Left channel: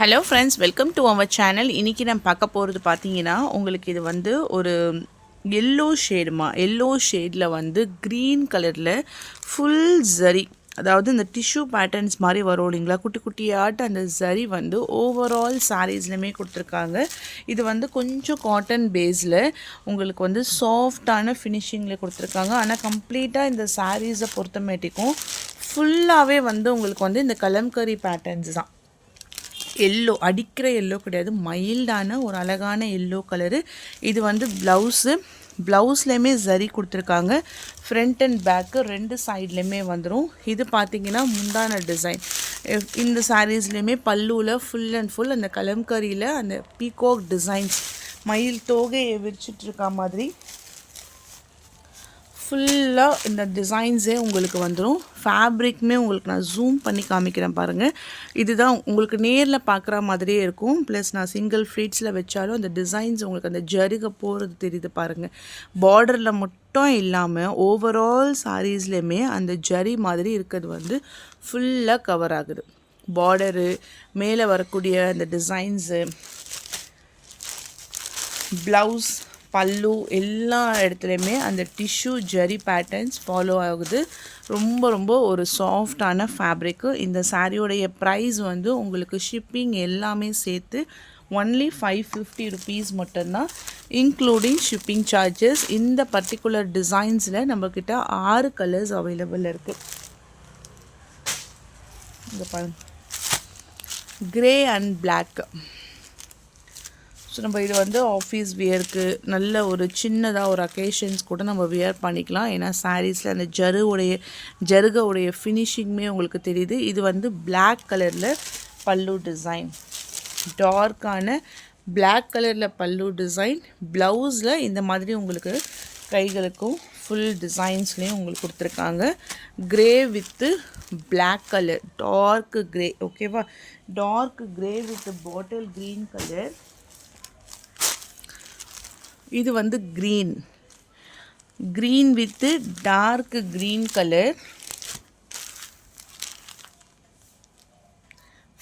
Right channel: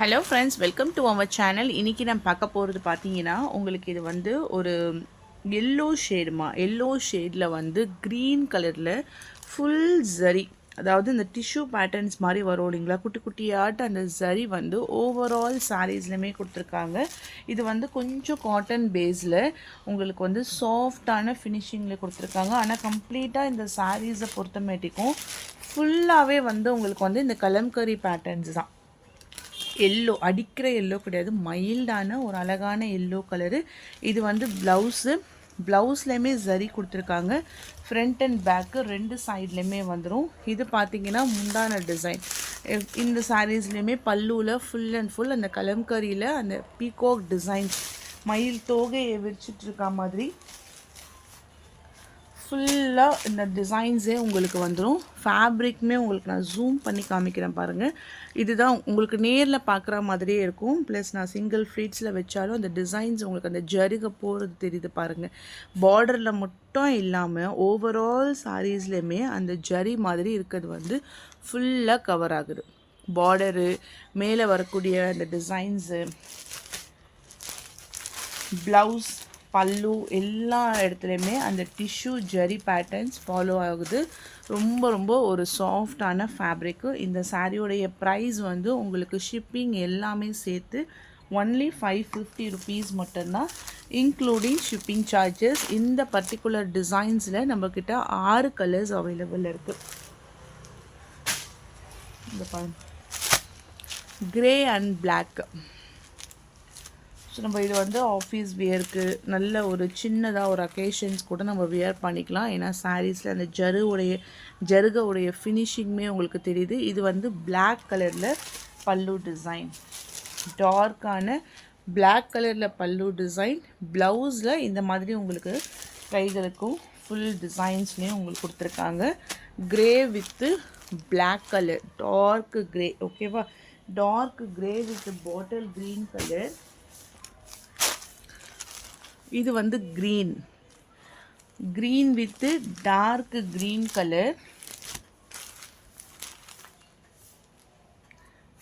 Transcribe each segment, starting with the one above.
Hello friends, welcome to our channel. இன்றைக்கி நான் பார்க்க போகிறது பார்த்தீங்கன்னா, உங்களுக்கு இது வந்து ஒரு எல்லோ ஷேடில் வந்து க்ரீன் கலரில் ஃபுல் ஜரி, அதாவது இந்த டிஷ்யூ பேட்டர்ன்ஸ் மாதிரி வரும் இல்லைங்களா, குட்டி குட்டியாட்ட அந்த ஜரி வந்து ஓவரால் சாரீஸ்லையுமே கொடுத்துருக்காங்க. இது வந்து கொஞ்சம் காட்டன் பேஸில் உங்களுக்கு வந்து சாஃப்டான ஃபினிஷிங்கில் கொடுத்துருக்காங்க. ஆனால் கம்ப்ளீட்டாக இந்த சாரீஸை பொறுத்தமேட்டிக்கும் ஃபுல்லாகவே வந்து உங்களுக்கு வந்து இந்த கலம்கரி பேட்டர்ன்ஸ் தான். எல்லோ, அடிக்கிற எல்லோ கிடையாது, மைல்டான ஒரு அழகான எல்லோ கலரு. இது வந்து ப்ளவுஸ்லேயுமே ஜரி கொடுத்துருக்காங்க. ஃப்ரண்ட் அண்ட் பேக்கு ரெண்டு சைட்லேயுமே வந்துடும். இது பார்த்திங்கன்னா முந்தான டிசைன். இந்த சாரீஸ்லேயுமே பல்லுவில் ஃபுல் அண்ட் ஃபுல் அந்த கலம்கரியில் அந்த பீகாக் டிசைன்ஸ், மயில் தோகையை விரிச்சிட்ருக்க மாதிரி ஃபுல்லாக இந்த டிசைன்ஸே உங்களுக்கு வந்துடும். ஃபேப்ரிக்குமே உங்களுக்கு நான் ஜூம் பண்ணி காமிக்கிறேன் பாருங்கள். இதுதான் உங்களுக்கு நேரில் பார்க்குற மாதிரியே இருக்கும். ப்ளஸ் நான் சிங்கிள் ஃப்ளீட்ஸில் வச்சாலும் அந்த டிசைன்ஸ் உங்களுக்கு அந்த ஜருக போகிறது தெரியுது பாருங்கள். பார்டரில் மட்டும் இல்லாமல் ஓவரால் சாரீஸ்லேயுமே அந்த ஜரி மாதிரி இருக்கிறது வந்து ஃபுல்லாக கவர் ஆகுது. பார்டரு மேலே வரக்கூடிய அந்த டிசைன்ஸு, ப்ளவுஸ், பல்லு எல்லா இடத்துலையுமே அந்த டிஷ்யூ ஜரி பேட்டர்ன்ஸ் ஃபாலோ ஆகுது. ரொம்ப ரொம்ப ஒரு சாஃப்டான ஃபேப்ரிக்கு. இந்த சாரியோடைய ப்ரைஸ் வந்து உங்களுக்கு ஷிப்பிங் எல்லாமே சேர்த்து ஒன்லி 550 ருபீஸ் மட்டும்தான், இன்க்ளூடிங் ஷிப்பிங் சார்ஜஸ். இந்த பர்டிகுலர் டிசைன்ஸில் நம்மக்கிட்ட 6 கலர்ஸ் அவைலபிள் இருக்குது. இந்த பாருங்க, கிரே அண்ட் பிளாக். ஸோ நம்ம இது வந்து ஆஃபீஸ் வியருக்கு, நல்ல ஒரு சின்னதாக ஒரு அக்கேஷன்ஸ் கூட நம்ம வியர் பண்ணிக்கலாம். ஏன்னா சாரீஸில் அந்த ஜருகவுடைய ஃபினிஷிங்குமே உங்களுக்கு தெரியுது. இது வந்து பிளாக் கலரில் பல்லு டிசைன், டார்க்கான பிளாக் கலரில் பல்லு டிசைன். ப்ளவுஸில் இந்த மாதிரி உங்களுக்கு கைகளுக்கும் ஃபுல் டிசைன்ஸ்லேயும் உங்களுக்கு கொடுத்துருக்காங்க. Grey with black colour, dark grey, ஓகேவா, dark grey with bottle green colour. இது வந்து green with dark green colour.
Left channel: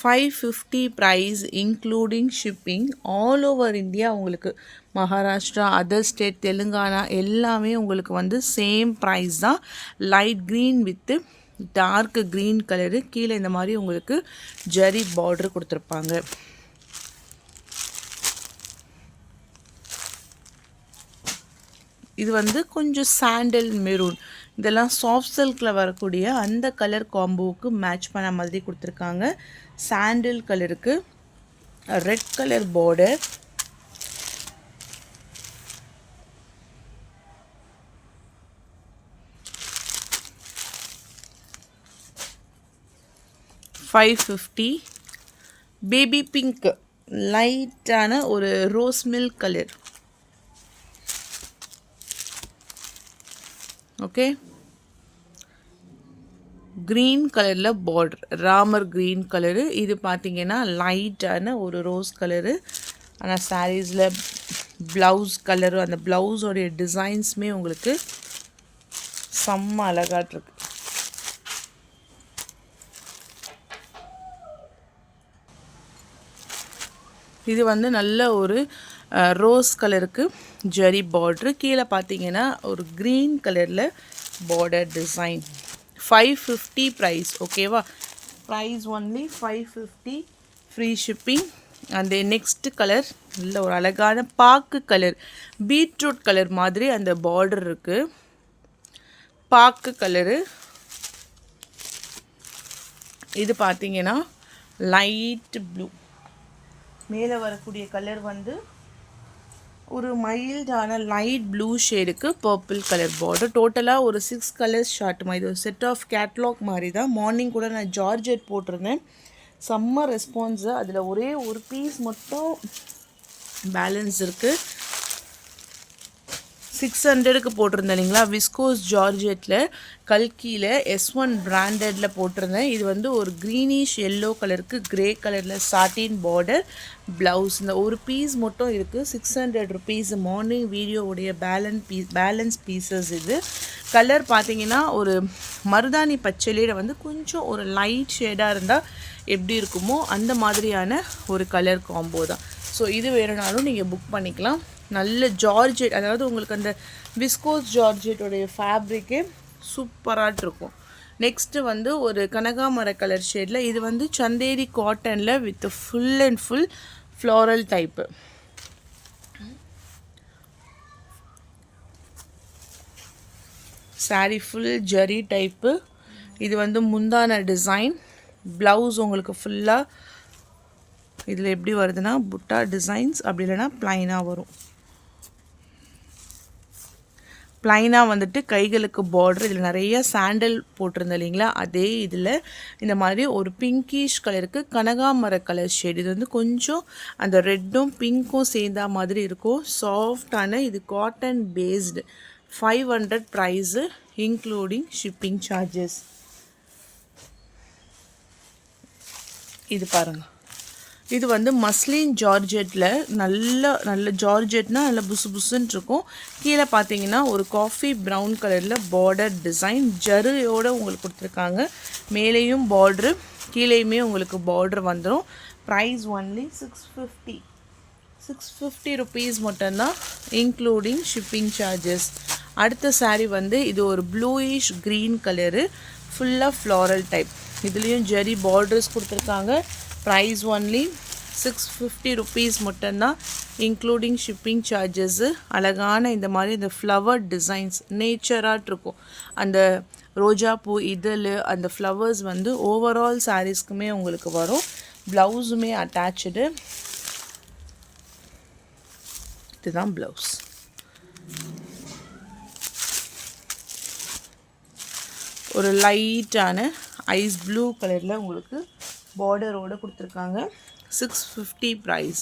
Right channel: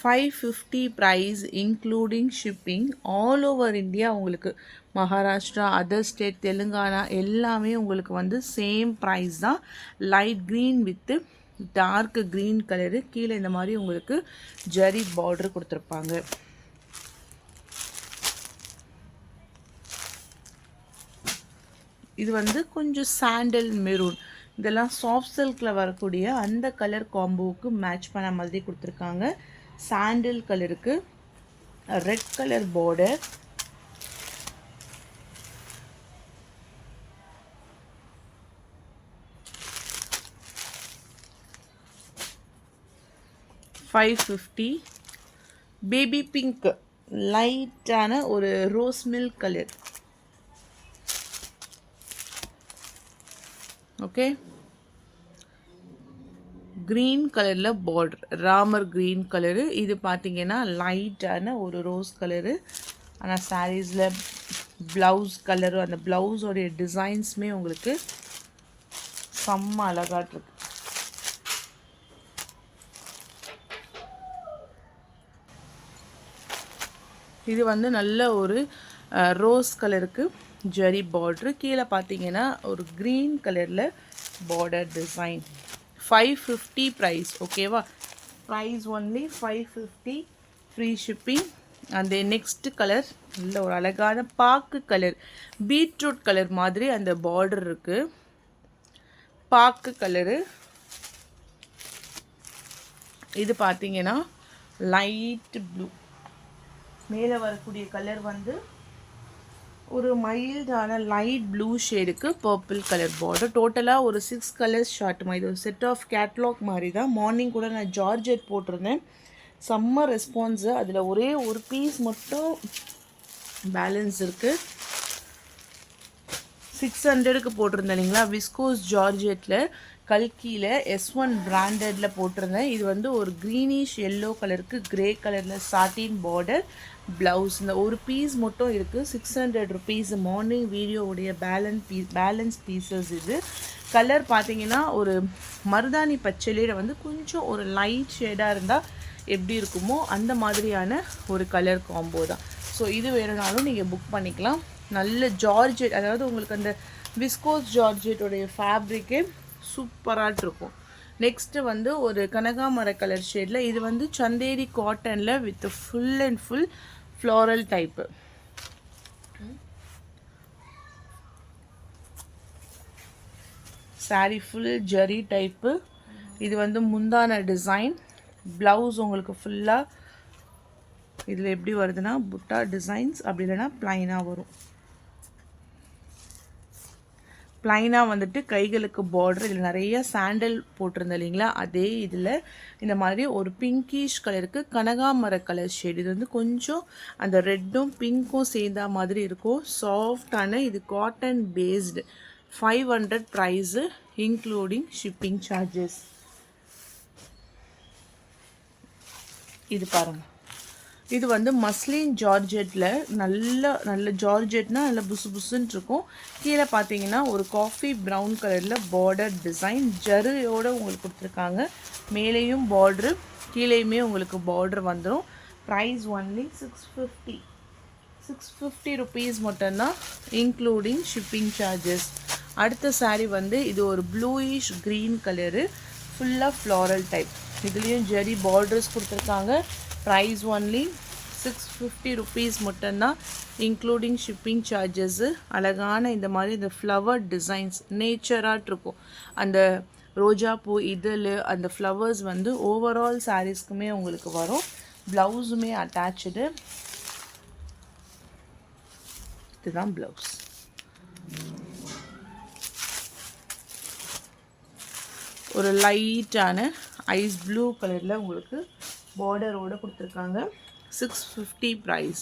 550 price including shipping. All over India உங்களுக்கு, மகாராஷ்டிரா, அதர் ஸ்டேட், தெலுங்கானா எல்லாமே உங்களுக்கு வந்து சேம் ப்ரைஸ் தான். Light green with dark green colour. கீழே இந்த மாதிரி உங்களுக்கு ஜரி பார்டர் கொடுத்துருப்பாங்க. இது வந்து கொஞ்சம் சாண்டல் மெரூன், இதெல்லாம் சாஃப்ட் சில்கில் வரக்கூடிய அந்த கலர் காம்போவுக்கு மேட்ச் பண்ண மாதிரி கொடுத்துருக்காங்க. சாண்டில் கலருக்கு red colour border, $550. Baby pink, லைட்டான ஒரு rose milk colour, okay. Green கலரில் பார்டர், ராமர் க்ரீன் கலரு. இது பார்த்திங்கன்னா லைட்டான ஒரு ரோஸ் கலரு. ஆனால் சாரீஸில் ப்ளவுஸ் கலரு, அந்த ப்ளவுஸோடைய டிசைன்ஸுமே உங்களுக்கு செம்ம அழகாட்டிருக்கு. இது வந்து நல்ல ஒரு ரோஸ் கலருக்கு ஜரி பார்ட்ரு. கீழே பார்த்தீங்கன்னா ஒரு க்ரீன் கலரில் பார்டர் டிசைன். 550 ப்ரைஸ், ஓகேவா. Price only 550, free shipping. அந்த நெக்ஸ்ட் கலர் நல்ல ஒரு அழகான பாக்கு கலர், பீட்ரூட் கலர் மாதிரி அந்த பார்டர் இருக்குது. பாக்கு கலரு. இது பார்த்தீங்கன்னா லைட் ப்ளூ. மேலே வரக்கூடிய கலர் வந்து ஒரு மைல்டான லைட் ப்ளூ ஷேடுக்கு பர்பிள் கலர் பார்டர். டோட்டலாக ஒரு 6 கலர்ஸ் ஷார்ட்டுமா. இது ஒரு செட் ஆஃப் கேட்லாக் மாதிரி தான். மார்னிங் கூட நான் ஜார்ஜெட் போட்டிருந்தேன், செம்ம ரெஸ்பான்ஸு. அதில் ஒரே ஒரு பீஸ் மட்டும் பேலன்ஸ் இருக்குது. 600க்கு போட்டிருந்தேன் இல்லைங்களா, விஸ்கோஸ் ஜார்ஜெட்டில் கல்கியில் S1 பிராண்டடில் போட்டிருந்தேன். இது வந்து ஒரு க்ரீனிஷ் எல்லோ கலருக்கு க்ரே கலரில் சாட்டின் பார்டர், ப்ளவுஸ். இந்த ஒரு பீஸ் மட்டும் இருக்குது. 600 ருபீஸ். மார்னிங் வீடியோவுடைய பேலன்ஸ் பீசஸ் இது. கலர் பார்த்தீங்கன்னா ஒரு மருதாணி பச்சையில வந்து கொஞ்சம் ஒரு லைட் ஷேடாக இருந்தால் எப்படி இருக்குமோ அந்த மாதிரியான ஒரு கலர் காம்போ தான். ஸோ இது வேணுனாலும் நீங்கள் புக் பண்ணிக்கலாம். நல்ல ஜார்ஜெட், அதாவது உங்களுக்கு அந்த விஸ்கோஸ் ஜார்ஜெட்டோடைய ஃபேப்ரிக்கே சூப்பராக இருக்கும். நெக்ஸ்ட்டு வந்து ஒரு கனகாமர கலர் ஷேடில், இது வந்து சந்தேரி காட்டனில் with full and full floral type. Sari full zari type. இது வந்து முந்தான டிசைன். ப்ளவுஸ் உங்களுக்கு ஃபுல்லாக இதில் எப்படி வருதுன்னா புட்டா டிசைன்ஸ், அப்படி இல்லைனா ப்ளைனாக வரும். ப்ளைனாக வந்துட்டு கைகளுக்கு பார்டர். இதில் நிறைய சாண்டல் போட்டிருந்தேன் இல்லைங்களா, அதே இதில் இந்த மாதிரி ஒரு பிங்கிஷ் கலருக்கு கனகாமர கலர் ஷேட். இது வந்து கொஞ்சம் அந்த ரெட்டும் பிங்க்கும் சேர்ந்தா மாதிரி இருக்கும். சாஃப்டான இது cotton based. 500 price including shipping charges. இது பாருங்கள், இது வந்து மஸ்லின் ஜார்ஜெட்டில் நல்ல ஜார்ஜெட்னா நல்ல புசு புசுன்னு இருக்கும். கீழே பார்த்தீங்கன்னா ஒரு காஃபி ப்ரௌன் கலரில் பார்டர் டிசைன் ஜரியோடு உங்களுக்கு கொடுத்துருக்காங்க. மேலேயும் பார்ட்ரு, கீழேயுமே உங்களுக்கு பார்டர் வந்துடும். ப்ரைஸ் ஒன்லி 650 ருபீஸ் மட்டும்தான் இன்க்ளூடிங் ஷிப்பிங் சார்ஜஸ். அடுத்த சாரீ வந்து இது ஒரு ப்ளூயிஷ் க்ரீன் கலரு, ஃபுல்லாக ஃப்ளாரல் டைப். இதுலேயும் ஜரி பார்டர்ஸ் கொடுத்துருக்காங்க. ப்ரைஸ் ஒன்லி 650 ருபீஸ் மட்டும்தான் இன்க்ளூடிங் ஷிப்பிங் சார்ஜஸ்ஸு. அழகான இந்த மாதிரி இந்த ஃப்ளவர் டிசைன்ஸ் நேச்சராக இருக்கும். அந்த ரோஜா பூ இதழ், அந்த ஃப்ளவர்ஸ் வந்து ஓவரால் சாரீஸ்க்குமே உங்களுக்கு வரும். ப்ளவுஸுமே அட்டாச்சு. இதுதான் ப்ளவுஸ். ஒரு லைட்டான ஐஸ் ப்ளூ கலரில் உங்களுக்கு பார்டரோடு கொடுத்துருக்காங்க. 650 ப்ரைஸ்.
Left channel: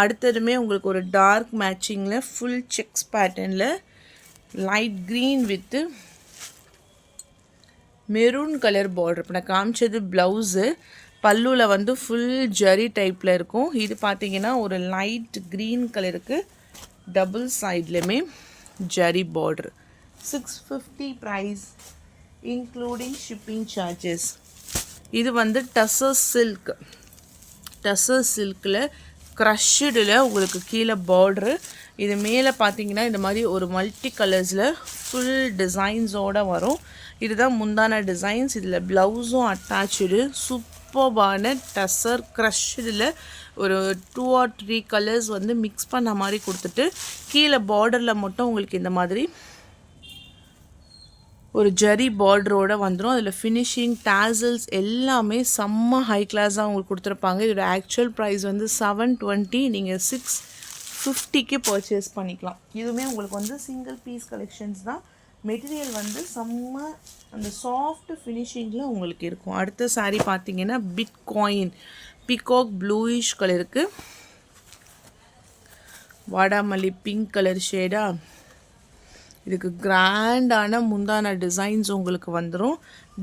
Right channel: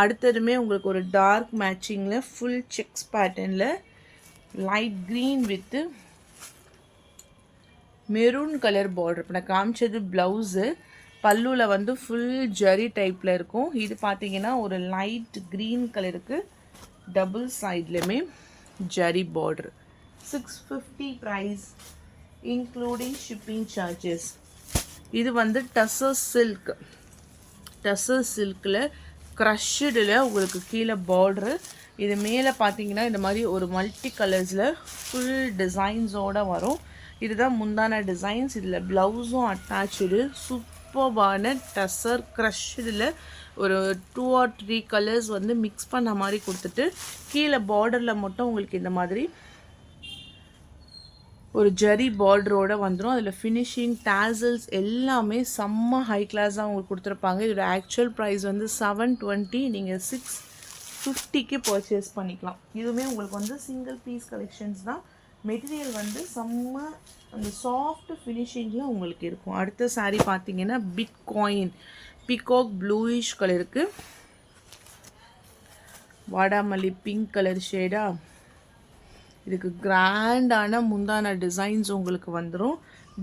அடுத்ததுமே உங்களுக்கு ஒரு டார்க் மேட்சிங்கில் ஃபுல் செக்ஸ் பேட்டர்னில் light green with maroon colour border. இப்போ நான் காமிச்சது ப்ளவுஸு. பல்லுவில் வந்து ஃபுல் ஜரி டைப்பில் இருக்கும். இது பார்த்தீங்கன்னா ஒரு லைட் க்ரீன் கலருக்கு டபுள் சைட்லையுமே zari border. 650 price including shipping charges. இது வந்து டசர் சில்கில் க்ரஷ்டில் உங்களுக்கு கீழே பார்ட்ரு. இது மேலே பார்த்தீங்கன்னா இந்த மாதிரி ஒரு மல்டி கலர்ஸில் ஃபுல் டிசைன்ஸோடு வரும். இதுதான் முந்தான டிசைன்ஸ். இதில் ப்ளவுஸும் அட்டாச்சு. சூப்பர்பான டசர் க்ரஷ்டில் ஒரு 2 or 3 கலர்ஸ் வந்து மிக்ஸ் பண்ண மாதிரி கொடுத்துட்டு கீழே பார்டரில் மட்டும் உங்களுக்கு இந்த மாதிரி ஒரு ஜரி பார்டரோடு வந்துடும். அதில் ஃபினிஷிங் டாசல்ஸ் எல்லாமே செம்ம ஹை கிளாஸாக உங்களுக்கு கொடுத்துருப்பாங்க. இதோட ஆக்சுவல் ப்ரைஸ் வந்து 720. நீங்கள் 650க்கு பர்ச்சேஸ் பண்ணிக்கலாம். இதுவுமே உங்களுக்கு வந்து சிங்கிள் பீஸ் கலெக்ஷன்ஸ் தான். மெட்டீரியல் வந்து செம்ம அந்த சாஃப்ட் ஃபினிஷிங்கில் உங்களுக்கு இருக்கும். அடுத்த சாரீ பார்த்தீங்கன்னா பிட் காயின் பீகாக் ப்ளூயிஷ் கலருக்கு வாடாமல்லி பிங்க் கலர் ஷேடாக. இதுக்கு கிராண்டான முந்தான டிசைன்ஸ் உங்களுக்கு வந்துடும்.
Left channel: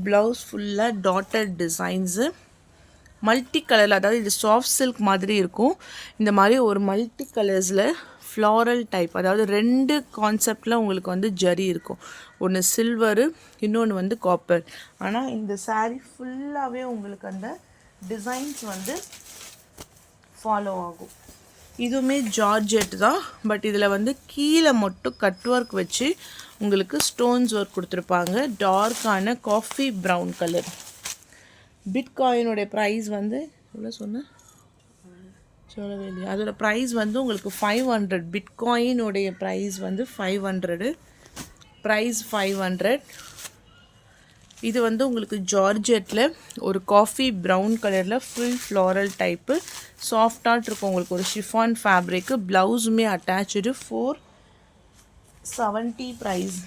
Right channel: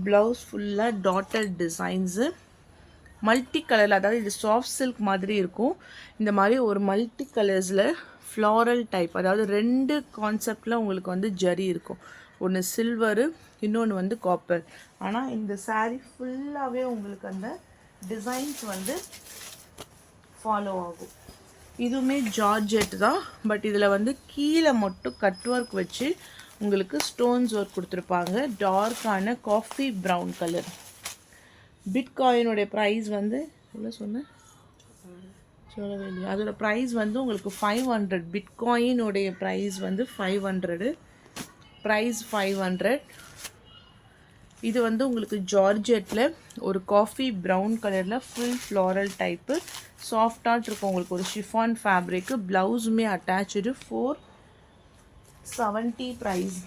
ப்ளவுஸ் ஃபுல்லாக டாட்டட் டிசைன்ஸு மல்டி கலரில், அதாவது இது சாஃப்ட் சில்க் மாதிரி இருக்கும். இந்த மாதிரி ஒரு மல்டி கலர்ஸில் ஃப்ளாரல் டைப், அதாவது 2 கான்செப்டில் உங்களுக்கு வந்து ஜரி இருக்கும். ஒன்று சில்வரு, இன்னொன்று வந்து காப்பர். ஆனால் இந்த சாரீ ஃபுல்லாகவே உங்களுக்கு அந்த டிசைன்ஸ் வந்து ஃபாலோ ஆகும். இதுவுமே ஜார்ஜெட் தான். பட் இதில் வந்து கீழே மட்டும் கட் ஒர்க் வச்சு உங்களுக்கு ஸ்டோன்ஸ் ஒர்க் கொடுத்துருப்பாங்க. டார்க்கான காஃபி ப்ரௌன் கலர். பிட்காயினுடைய ப்ரைஸ் வந்து எவ்வளோ சொன்னேன் சொல்லவே இல்லையா? அதோடய ப்ரைஸ் வந்து உங்களுக்கு 500. பிட்காயினுடைய ப்ரைஸ் வந்து 500. ப்ரைஸ் 500. இது வந்து உங்களுக்கு ஜார்ஜெட்டில் ஒரு காஃபி ப்ரௌன் கலரில் ஃபுல் ஃப்ளாரல் டைப்பு சாஃப்டாக இருக்கும். உங்களுக்கு ஒரு ஷிஃபான் ஃபேப்ரிக்கு. ப்ளவுஸுமே attach. 470 price.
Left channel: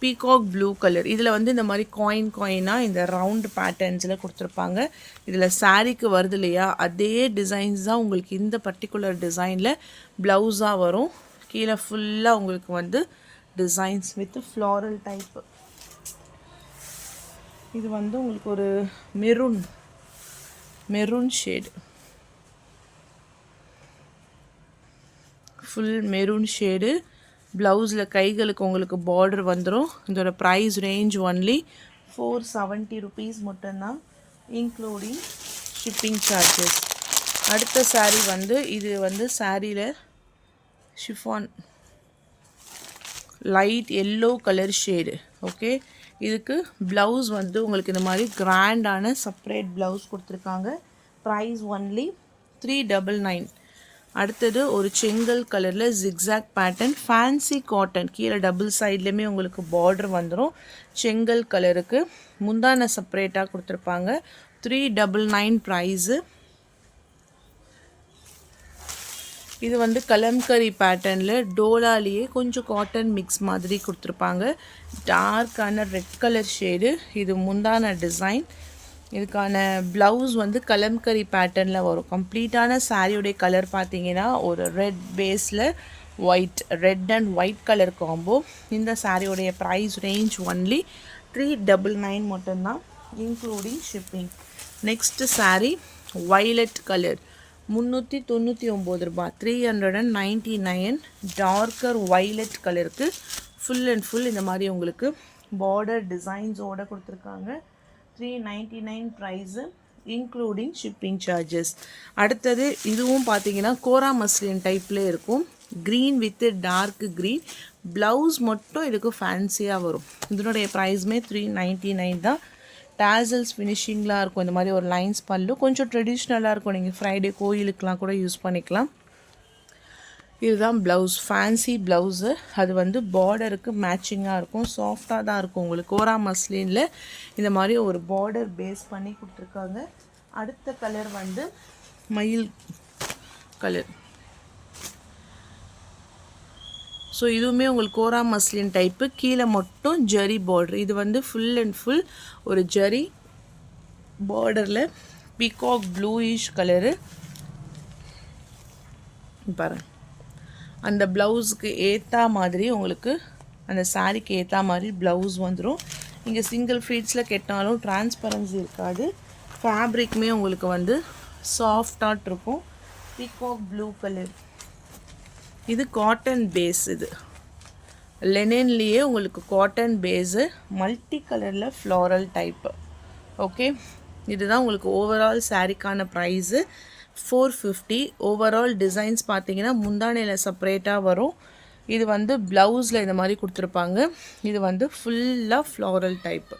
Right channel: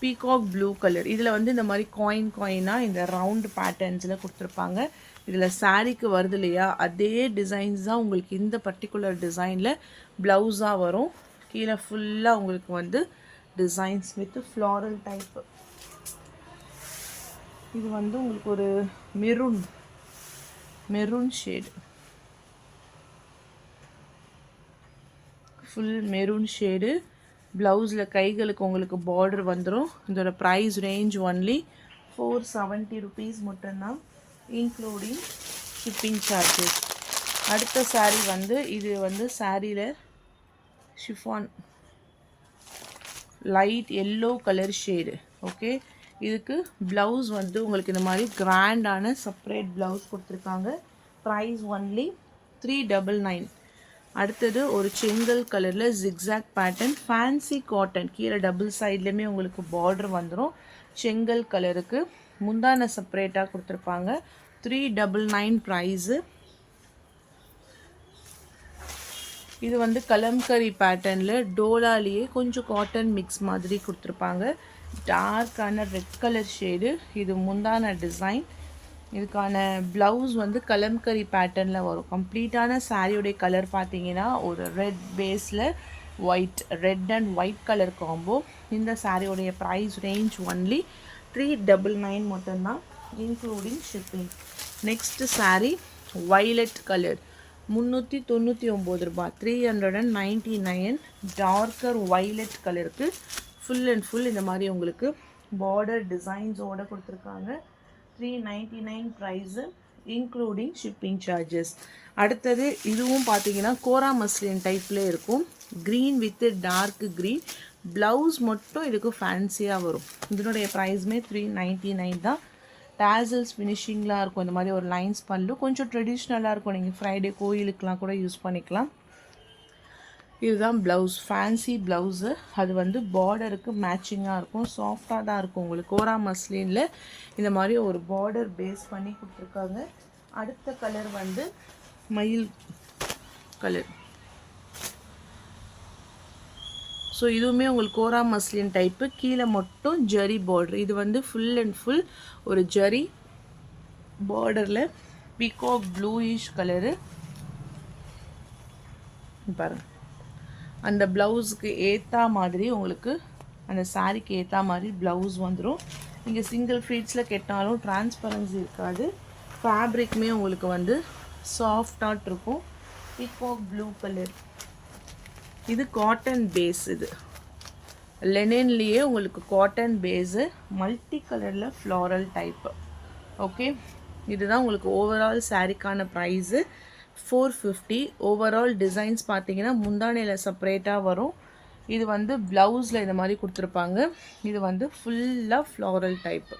Peacock blue colour. இதில் வந்து இந்த மாதிரி காயினாக இந்த ரவுண்டு பேட்டர்ன்ஸில் கொடுத்துருப்பாங்க. இதில் சாரீக்கு வருது இல்லையா, அதே டிசைன்ஸ் தான் உங்களுக்கு இந்த பர்டிகுலர் டிசைனில் ப்ளவுஸாக வரும். கீழே ஃபுல்லாக உங்களுக்கு வந்து டிசைன்ஸ் வித் ஃப்ளாரல் டைப்பு. இது வந்து உங்களுக்கு ஒரு maroon shade, full maroon shade. ப்ளவுஸில் கைகளுக்கு உங்களுக்கு பார்டர் வந்துடும். இதோட ப்ரைஸ் ரேஞ்ச் ஒன்லி 470 ருபீஸ் மட்டும்தான். Including shipping charges. அடுத்த saree வந்து இது வந்து சாரியில் chiffon light yellow colour shade. Okay, இதுக்கு ப்ளவுஸ் வந்து உங்களுக்கு இந்த மாதிரி கிராண்டான செப்பரேட் ப்ளவுஸ் கொடுத்துருக்காங்க. Price only 399. அடுத்தது ஒரு செங்கல் கலரில் ஜிக்ஸாக் பேட்டர்ன் ஃபேன்சி காட்டன், கீழே டபுள் சைட்லேயுமே உங்களுக்கு பார்டர் வந்துடும். செங்கல் கலருக்கு முந்தான செப்பரேட்டாக கொடுத்துருப்பாங்க. 399 ப்ரைஸு. இது வந்து கலம்கரி பேட்டர்னில் டோலாலேயே கொஞ்சம் காட்டன் மிக்ஸ் மாதிரி கொடுத்துருப்பாங்க. டார்க்கான ரெட் கலர் ஷேடு. இது முந்தான டிசைன். இதுக்கான ப்ளவுஸ் வந்து கலம்கரி பேட்டர்னில் வரும். கம்ப்ளீட்டான சாரியுடைய கலர் பார்த்தீங்கன்னா ஒரு ரெட் பேஸில் white, red and white colour combo. இந்த சாரியுடைய ப்ரைஸ் ரேஞ்ச் ஒன்லி 399 மட்டும்தான், including shipping. Next sari violet colour, 399 ரூபாய், 399. டார்க்கர் வைலட் கலருக்கு ஃபுல் அண்ட் ஃபுல் இந்த மாதிரி உங்களுக்கு பார்டர் டிசைன்ஸோடு கொடுத்துருக்காங்க. 399 ப்ரைஸு, இன்க்ளூடிங் ஷிப்பிங் சார்ஜஸ். அடுத்தது இதுவும் பார்த்தீங்கன்னா கோரா மஸ்லின் டைப்பில் இருக்கும். Green with dark green. Blouse மட்டும் இதுக்கு ஃபேன்சியாக வரும். இதனுடைய ப்ரைஸுமே 399 தான். டாசல்ஸ் ஃபினிஷிங்லாம் இருக்கும். இந்த மாதிரி ஒரு லைன்ஸ் பல்லு கொஞ்சம் ட்ரெடிஷ்னலாக இருக்கும். நீங்கள் ஃப்ரைடே கோயிலுக்கெலாம் கூட யூஸ் பண்ணிக்கலாம். இதுதான் ப்ளவுஸ், ஃபேன்சி ப்ளவுஸு. அது வந்து பார்டருக்கு மேட்சிங்காக இருக்கும். சாஃப்டாக தான் இருக்கும். உங்களுக்கு கோரா மஸ்லினில் இந்த மாதிரி ஒரு பார்டர் பேஸ் பண்ணி கொடுத்துருக்காங்க. அடுத்த கலர் வந்து மயில் கலர். ஸோ இதுவுமே உங்களுக்கு கோரா மஸ்லின் டைப்பு. கீழே மட்டும் ஜரி பார்டர். இது வந்து ஃபுல் அண்ட் ஃபுல் ஒரு ஜரி பார்டரில் பீகாக் ப்ளூயிஷ் கலரு பாருங்கள். அந்த ப்ளவுஸுக்கு ஏற்ற மாதிரி உங்களுக்கு அந்த சாரீக்கு ஏற்ற மாதிரி ப்ளவுஸ் வந்துடும். நீங்கள் சிங்கிள் ஃபீட்ஸில் கெட்டாலும் டிரான்ஸ்பரன்சி இருக்காது. ஃபேப்ரிக்குமே உங்களுக்கு வந்து சாஃப்டாக இருக்கும். Peacock blue colour. இது காட்டன் பேஸ். இது லெனின்லேயே உங்களுக்கு காட்டன் பேஸு, மல்டி கலரில் ஃப்ளாரல் டைப்பு. ஓகே, இதுதான் உங்களுக்கு ஓவரால் சாரீக்கான ப்ரைஸு 450. ஓவரால் டிசைன்ஸ் பார்த்தீங்கன்னா முந்தானையில் செப்பரேட்டாக வரும். இது வந்து ப்ளவுஸில் இந்த மாதிரி கொடுத்துருப்பாங்க. இது வந்து ஃபுல்லாக floral type.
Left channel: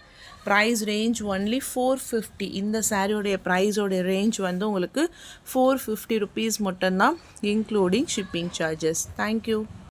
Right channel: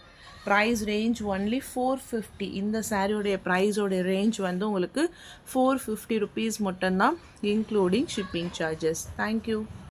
Price range only 450. இந்த சாரியோடைய ப்ரைஸோடைய ரேஞ்ச் வந்து உங்களுக்கு 450 ருபீஸ் மட்டும்தான், இன்க்ளூடிங் ஷிப்பிங் சார்ஜஸ். தேங்க்யூ.